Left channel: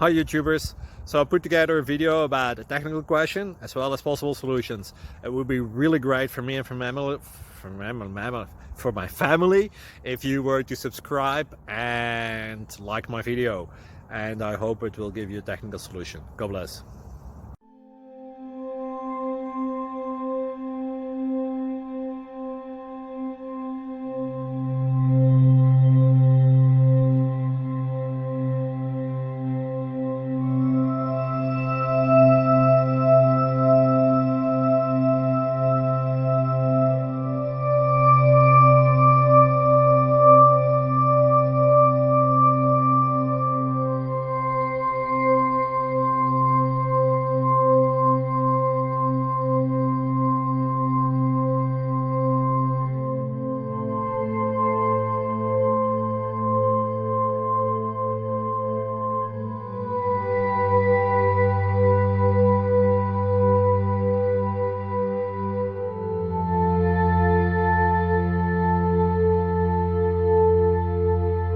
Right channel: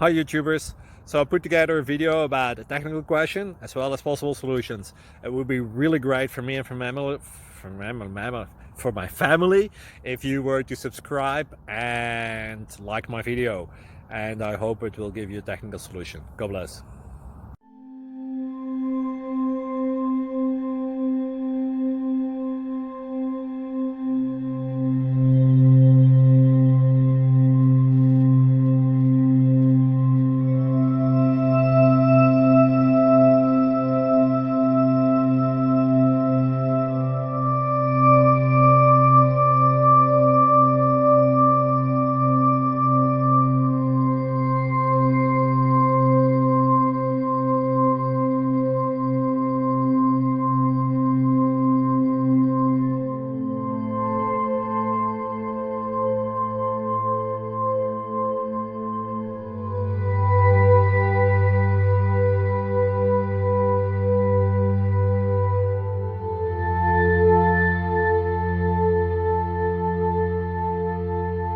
Hi YouTubers! So I put together a video about a technical question as well as possible solutions. It would be really great for me and for my family if you were to subscribe and like my video. And I hope it will give you a technical solution. God bless.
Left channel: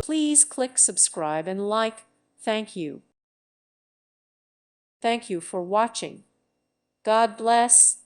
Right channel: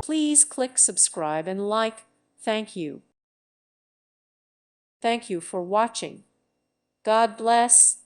Please click subscribe and like. Thank you. Thank you for watching. God bless.